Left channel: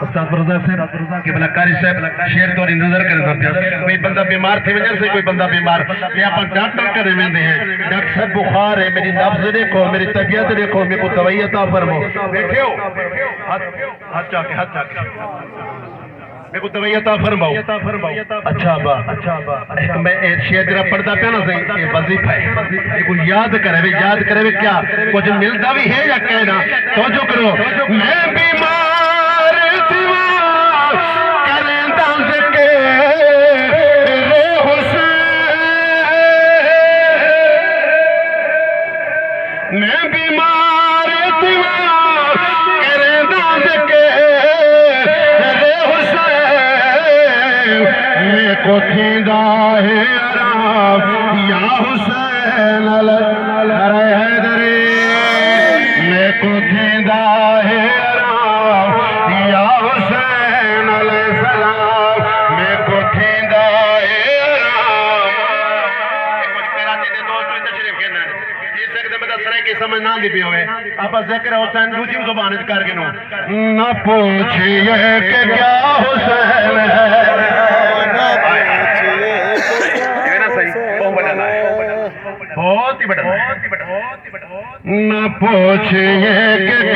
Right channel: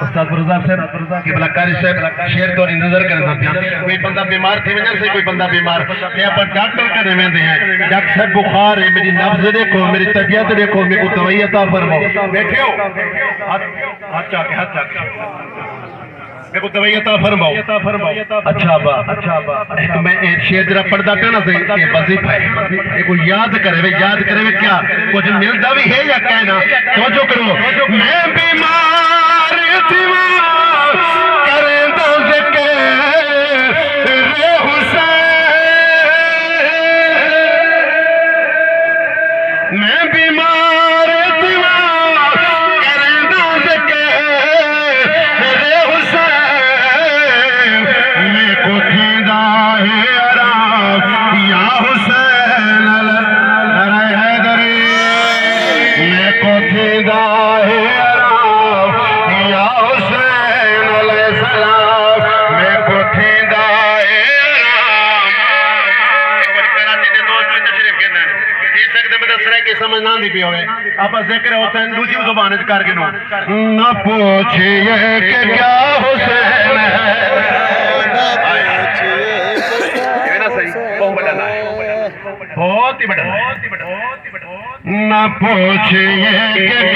استاد فرزاق صاحب قبلہ کاری صاحب شیر تو نظر کرے سکتے کوئی بندہ بیمار تھے وجہ سے کوئی بندہ بیمار میں اپنا ڈاکٹر کرے ویندے ہیں ڈاکٹر صاحب بخار ہے میری نبض دیکھو میری طبیعت دیکھو میرے کو دوائی عطا فرماؤ بیٹھے ہو ہاتھ چاکے میں کو دوائی عطا فرماؤ اچھا با میں شیر جرا پڑھتا پہ نا سے کہ وظیفہ ہے ایک یاد کرے کیا کچھ ملتا بھی ہے یا کہنا توجہ کرو میں بیمار تھی کریں دا ذکر میں بیمار تھی کریں دا ذکر میں کو تھیندا ہے عراب یا حسین ارے حیدری میں کو تھیندا ہے عراب یا حسین علیہ السلام میں کو تھیندا ہے عراب کچھ کراچی دے دوست میں تشریف کہنا ہے جی سکتے میں دس رہے کہ سمجھ نہ دی بھی ہوئے آپ ذکر حسین دوسری زبان کر کے نہ پوچھئے کہ کیا حسین ہے بہت ہی بڑا نہ پوچھئے کہ